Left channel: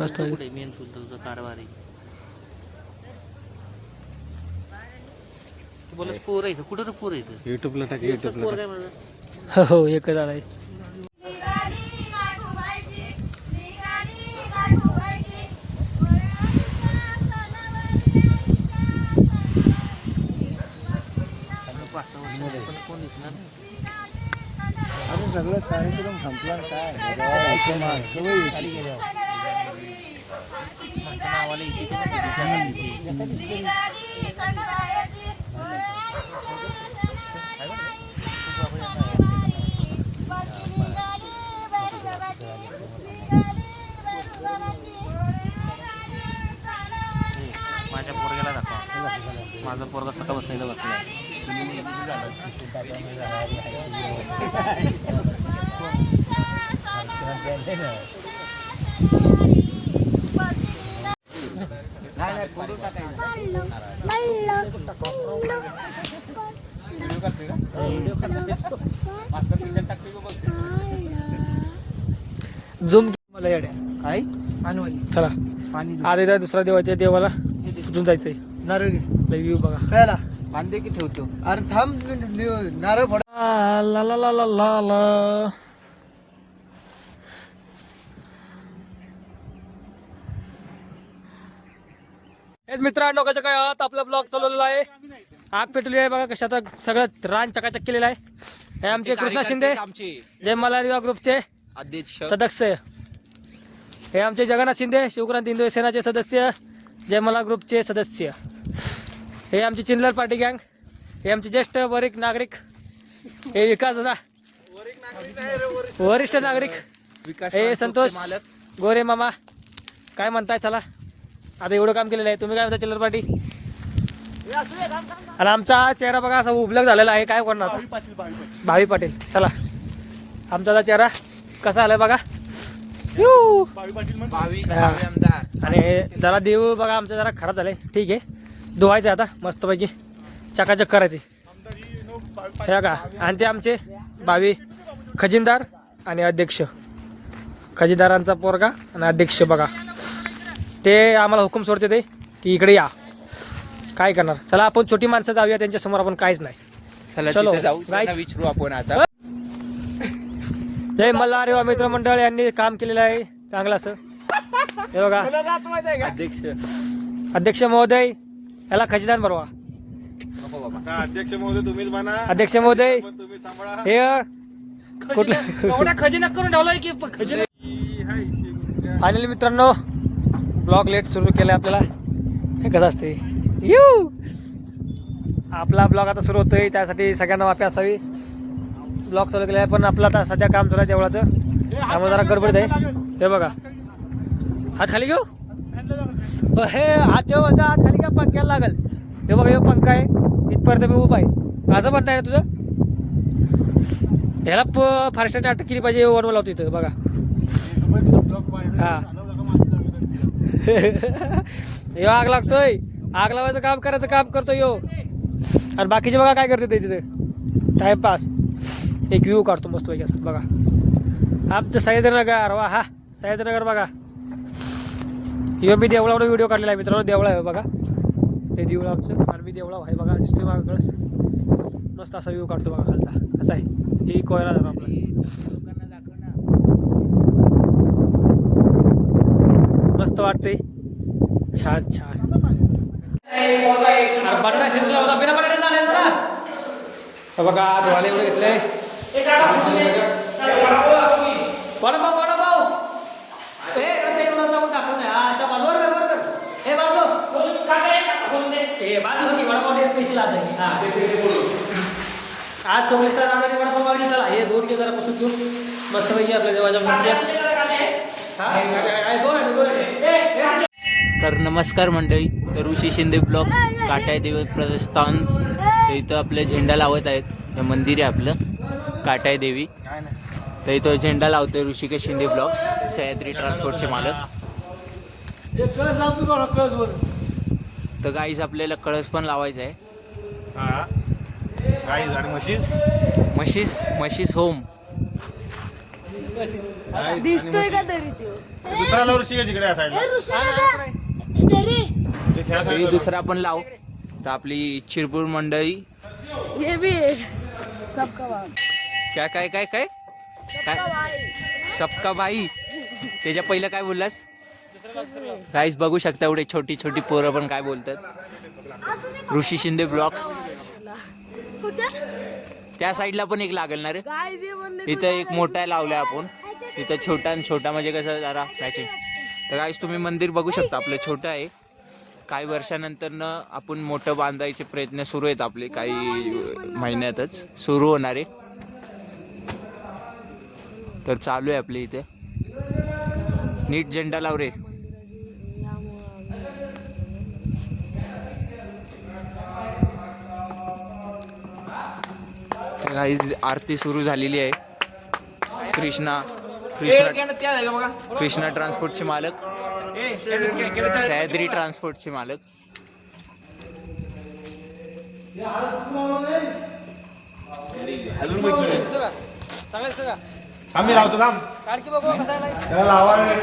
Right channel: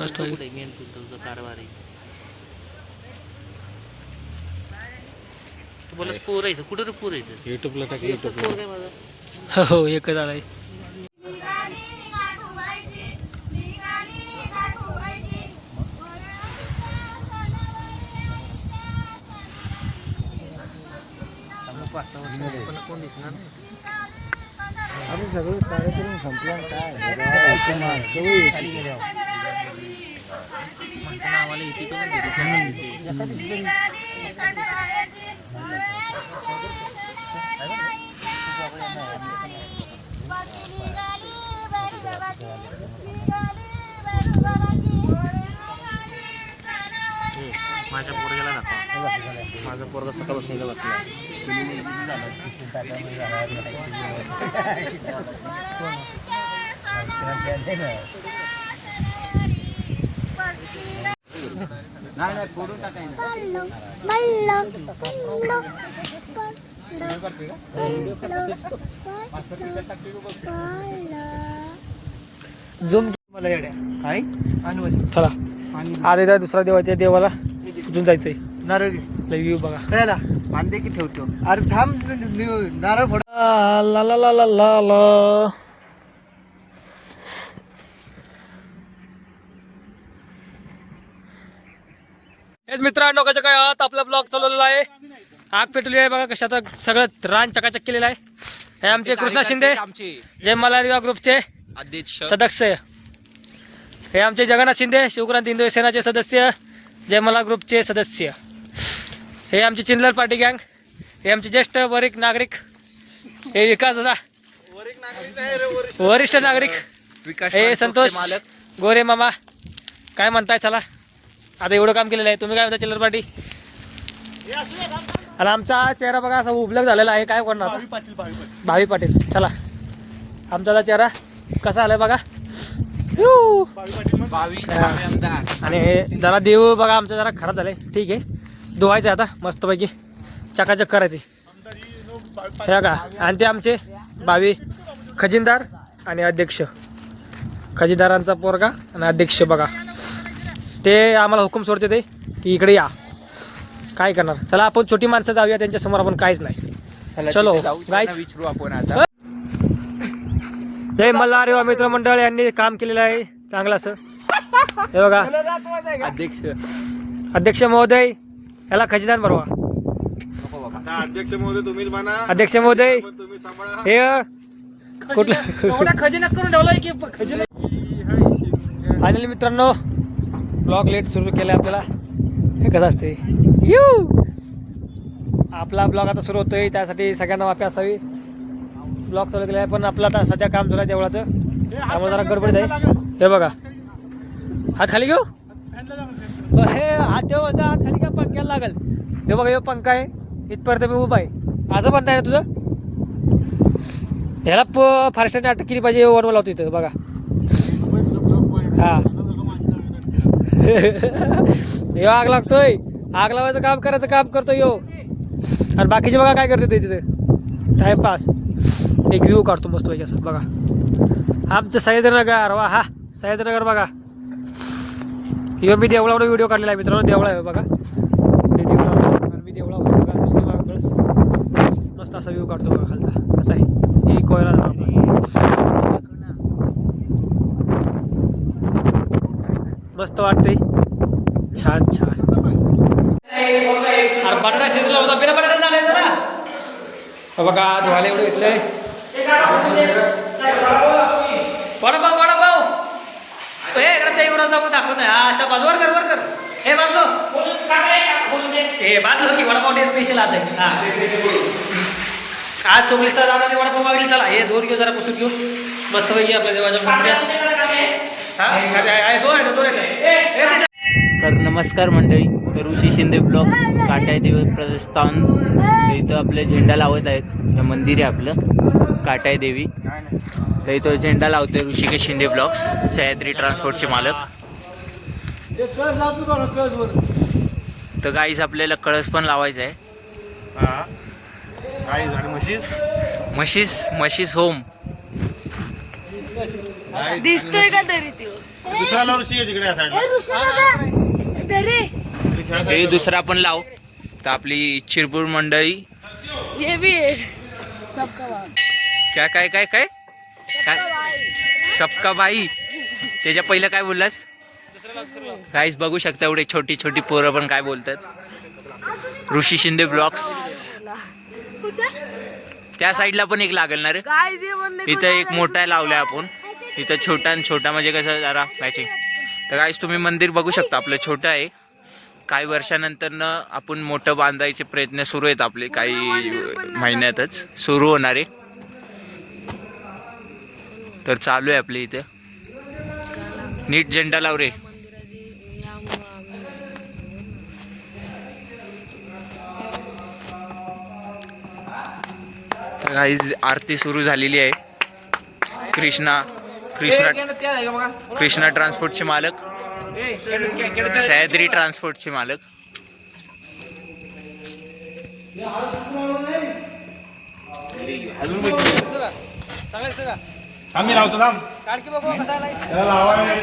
मस्त आहे. मेन तुमचा कारभार आहे. तू बोलस पोर आहे कुठे तू पोर आहे युट्यूबला टाक युट्यूबला. पोर आहे माझा. हो एकच आलाय. पण कोण दिसणार नाही. अरे सगळं कार्यक्रम संपला काय खाली गेले नावाला इथे माझ्या पोरग्याला दाखवा. माझं पोरगा सकाळ बसलेलं बसला. नाही नाही फोटो टाकायचं. झूम मला येड्या काय चला आज येतात दुसरा देवाच्या देवाला उजून जायचंय. नारळ व्ह्यू बघा. कळला बांधे की ठेवतो. अरे थांब नारळ फोड. ला ला ला ला ला ला. हेच मित्रांनो कसं काय आहात. आपला ब्लॉग चालवलेला आहे. आग पेटवली आहे बघा कशा. आता सगळं रान चकाचक केलेलं आहे. हे आमचे कृष्णा शिंदे जय मल्हार ग्रुपचे अध्यक्ष सदस्य. हे आमचे जगन्नाथ शिंदे शिवक्रांती हिंदू सेनाचे सदस्य जय मल्हार ग्रुपचे सदस्य. हे आमची चिंदलर पार्टी गँग. हे आमचे ज्येष्ठ वरिष्ठ नागरिक. हे विकास दादा वरिष्ठ नागरिक. हे संतोष गोरे मामा. काय म्हणताय चला. आता एवढं काम केलेलं आहे. तुम्ही काय म्हणता चिल्लर पार्टी. आणि आमचा हा चेहरा बघा असा उबलक झालेला आहे. काय करणार आता. भावी पाटील. चला आमचा हा चेहरा कसा आलाय बघा. आणि जरा देव बघा आमचं जरा खराब झालंय. ठीक आहे धुवायचं आता मस्तपैकी चकाचक करायचे हे बघा. आणि ते आमचे भावी खजिनदार आणि अध्यक्ष. खजिनदारांचा पोरगा आणि अध्यक्ष बघा. ते आम्हाला हुकूम सोडते ते की इकडे या. काय करणार. चला आपण छोटी माणसं जाऊया त्यांच्या समोर. आपण काहीच नाही. चलो विचारू आपण आता. जय मल्हार युवा मित्रमंडळ यांनी काम केलेलं आहे चांगलं असं. हे बघा अध्यक्ष महोदय याला खजिनदार बनवा. अध्यक्ष महोदय तुम्हीच बना. अध्यक्ष महोदय हे एवढा खजिना करून ठेवलाय की खजिना. फायनली मित्रांनो ब्लॉग लेट सुरू केला आपल्याला. हे कसं असते आपला ब्लॉग आता सुरू होतोय त्यासाठी सगळ्यांना माफी असावी. ब्लॉग चालू केला आहे पण आपलं आता सध्या काम चालू आहे देवळाचं त्यामुळे जरा गडबड आहे. हे बघा हात खाली घेऊ. हे हात ठेव हात खाली घ्या पंख्याला लागल. हे बघा हे पंखा आहे इथपर्यंत मी उभा आहे. असं म्हणताय ना तुझं. ह्याला फारस्टाने अटक केली पाहिजे. वरवर लावतो इथं बघा. हा हे आग लागतोय. आग लावायचं काम करायचं काम करतो यो. आणि बाकीचे बघा काय करते ते तिथे टाइमपास. एक व्ह्यू काढतो मस्त पाहिजे असं बघा. आमचं सह्याद्रीनगर वा हा सह्याद्रीनगर बघा. यो मी देवळावर व्हिडिओ काढलेला आहे मित्रांनो. देवळा आहे बघा. हे देवळा मी देवळा आहे बघा. दिसते बघा कळस. मस्त असा व्ह्यू काढतो बघा खालचा कसा आहे. ही कोयरा आपला मस्त वाटते. छान छान. अरे बटाटा शिजला होता बिना बटाटा झालाय जरा. बघा धुवायला एवढं घेतलंय. वडापाव वडापाव हे इकडे युवराज दाखवून दाखवत नाही. हा अशा बाजूवर कर वर कर. हे बाजलो हे बाजलो की वडापाव डे स्पेशल आज आहे. हा आज सोमलीचा दादा वडापाव मागली. चला हे दोन घेऊ जरा पुसून घेऊ मस्त पैकी आपल्या देवाच्या मूर्त्या. हा दोन आहेत. तर नमस्कार मंडळी. तर ऋषी शिंदे ब्लॉग्स काटाय देवी प्रस्थान. तर इथं आपले झेंडा लावत आहेत. हे मंदिर आहे आपलं काटाय देवी. तर इथं झेंडा लावतोय ऋषिकेश शिंदे ब्लॉग्स सह्याद्री ट्रान्सपोर्टचे मालक. तर गाईस आपल्याला कळस पण लावायचा आहे. म्हशीस होम दिसतोय का तरी तो दुसऱ्याला ऋषी आहे जिकडे या साईडला. हे दुसरा पण लाव. तर आपली चिरपूर मंडळी ये भी है सबका भाई काय काय काय काय काय सबका बाई. त्याच्या पहिलं काय बोललास? काहीच बघू शकता एवढे छोटी छोटी पोरं पण काय बोलतात. ऋषी शिंदे ब्लॉग्स. त्या साईडला पण एक लागेल ना रे. गाइस ये बनने इथं एक मोठा लावलाय आपण. इथं छोटा आणि छोटा म्हणजे कसं जरा मॅचिंग. तर गाईस तुम्ही मंदिर बघू शकता. आपलं छोटं आहे. काही वर्षानंतर आपण मोठं बांधायचे प्रयत्न सुरू आहेत आपले. काही महिन्यातच सुरू होणार आहे. तर चालू आहे आपले इथे. नीट झेंडा लाव रे. तर गाईज आरती सुरू झालेली आहे. कृष्णा ट्रान्सपोर्टचे मालक, सह्याद्री ट्रान्सपोर्टचे मालक. आम्ही राहतो थांब. काढकी बघू कसा आलाय. त्याला लावायला